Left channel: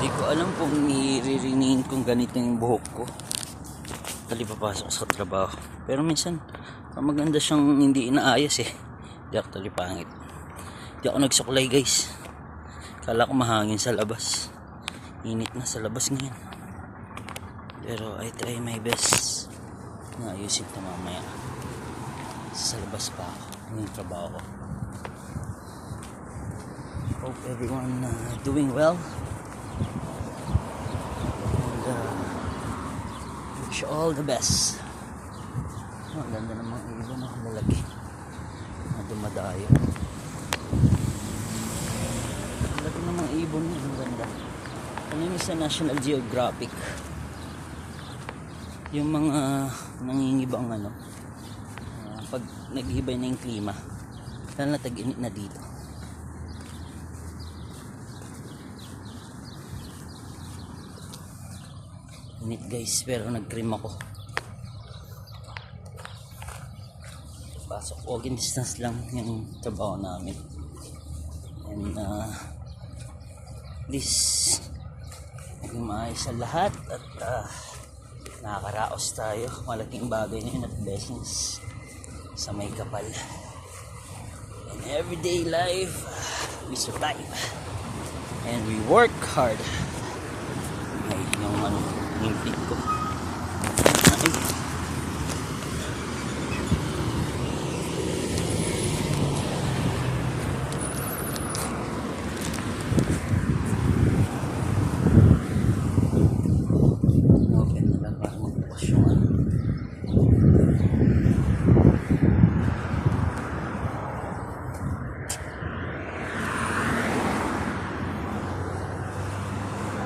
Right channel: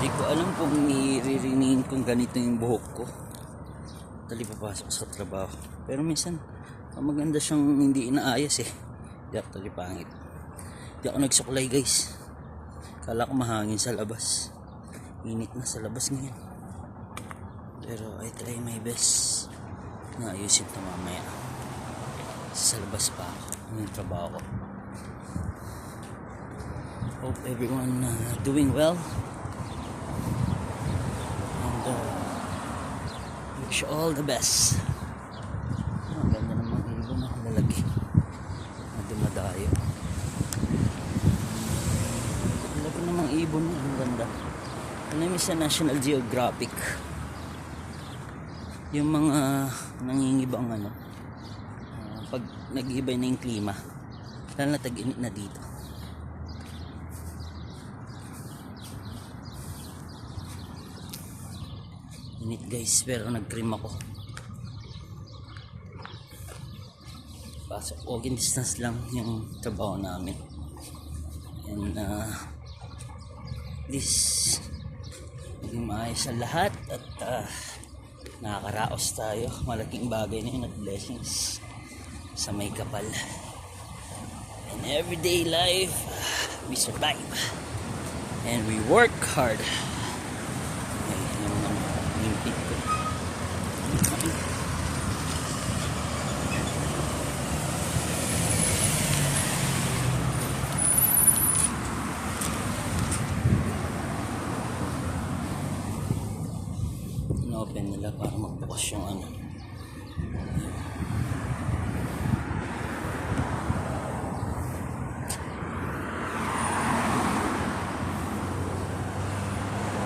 Hindi ko alam kung iririnihin kong ganito yung buhok ko tali papasok sa trabaho. Pero minsan maganda siyang hindi inaayos eh. Hindi ako tali pangit. Hindi ako nagsuklay guys. Kala ko mahangin sa labas. Init na sa labas ngayon. Pero I try my best na ayusin ito mamaya. Sa labas pa ako ng trabaho ko. Hope everyone doing well. And wish all the best. Ang ganda ng mga ibon na lalaki na dumadayo. Ang laki ng mga ibon na ang ganda. Ano yung sa National Geographic? Yung mga nangingibang pag nag-ihibay na yung klima, lalo na tag-init na dito. Init guys, pero nag-cream ako. Pasok, walking distance lang yung trabaho namin. And this naging maayos sa lahat at nakakaraos tayo. Malaking bagay na yun at blessings sa may kapal. In everyday life, we survive and we work hard. Ay, ningpit ko. Ay. Inopen nila para magbukas yung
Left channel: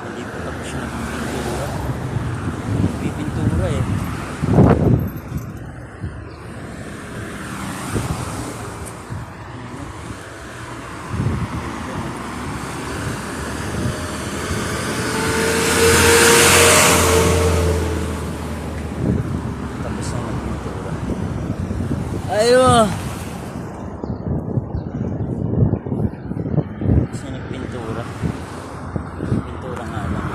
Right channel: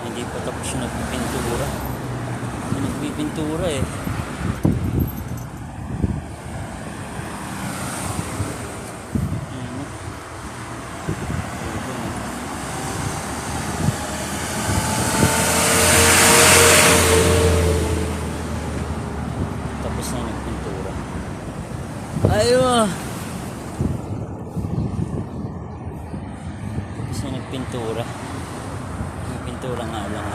hindi pa tapos yung nagpipintura. Nagpipintura eh. Tapos na nagpintura. Ayun! Tapos na nagpintura. Pintura nga lang.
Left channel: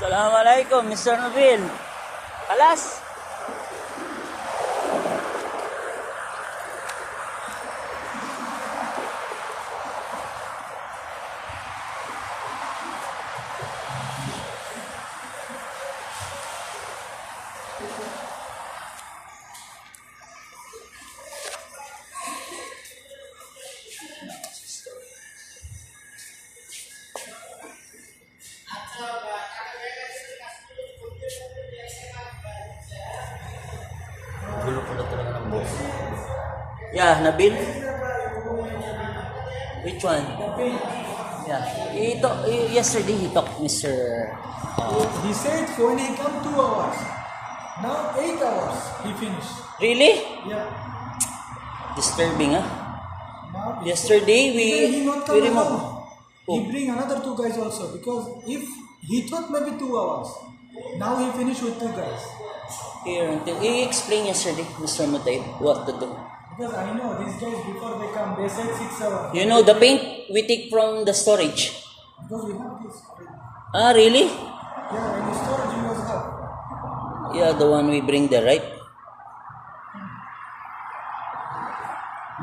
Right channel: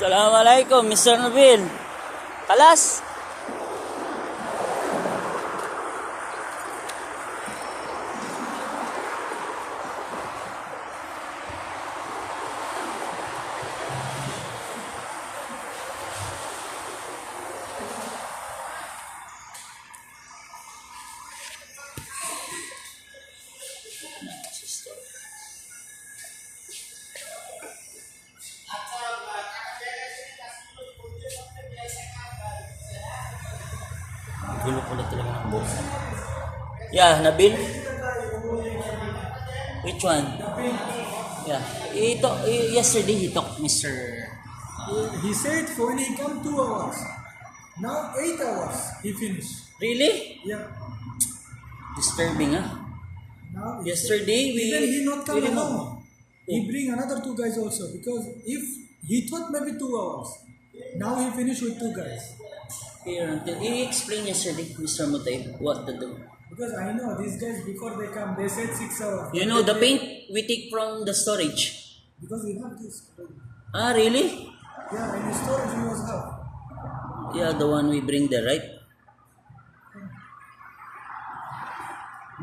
Assalamualaikum, Mr. Nabil. Kalas. Gulo pala talaga ng boss. Yeah, Nabil. Which one? Yeah. Yesterday he talked, Mr. He said for only come 2 hours. Now 8 hours he finished. Really? Yeah. Disturbing, ah. Now Yesterday even he not come remove. alone. He bring another 2 guys also because if he thought maybe 2 hours. Now he finished with 2 guys. Here until he explained yesterday, Mr. Mutay, what to do. Because I know these guys before they come, they said 6 hours. You know the paint we take from the storage. Because we have this. Ah, really? Yeah, in the storage we was have. Yeah, the one we bring there, right?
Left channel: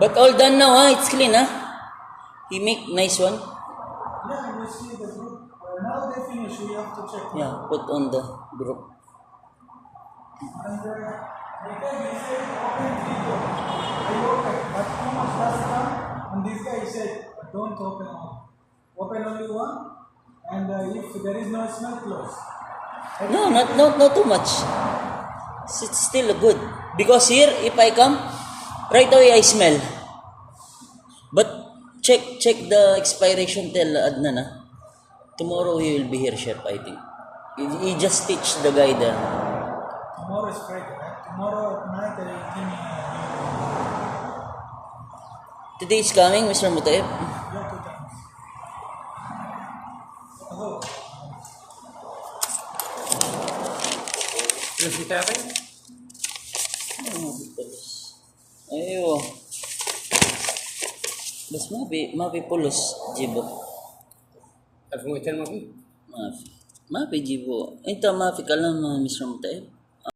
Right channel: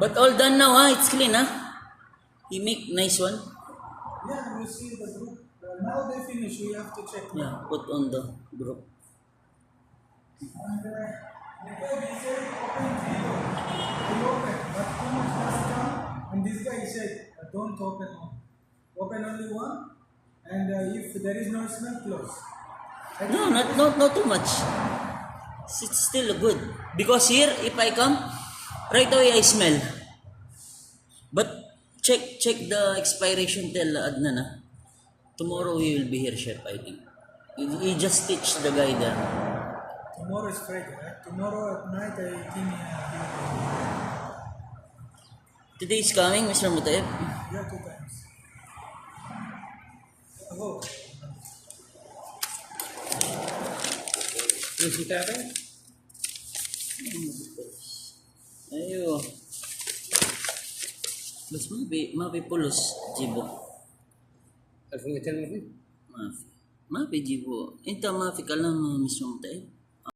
But all done now, ah. It's clean, ah. He make nice one. Yeah, we see the group. Now they finish. We have to check. Yeah, put on the group. And the guy he said open video. I open, but too much dust come. And this guy said don't open all. Open only one. And if there is no smell, close. No, not too much. It's still good. Because here, if I come, right away I smell. But check the expiration till Adnan, ah. Tomorrow he will be here, chef, I think. He just teach the guy there. Tomorrow is Friday, right? Tomorrow at night I think Today is coming, Mr. Mutaib. yeah, 2 times. Hello. Yung kita akin? Ayo. Bas mapi pulos, Jibo. Alfong itan mo, Mafi. Mafi, Jibo. Ito, mafi ka lang, Mr. Mutaib.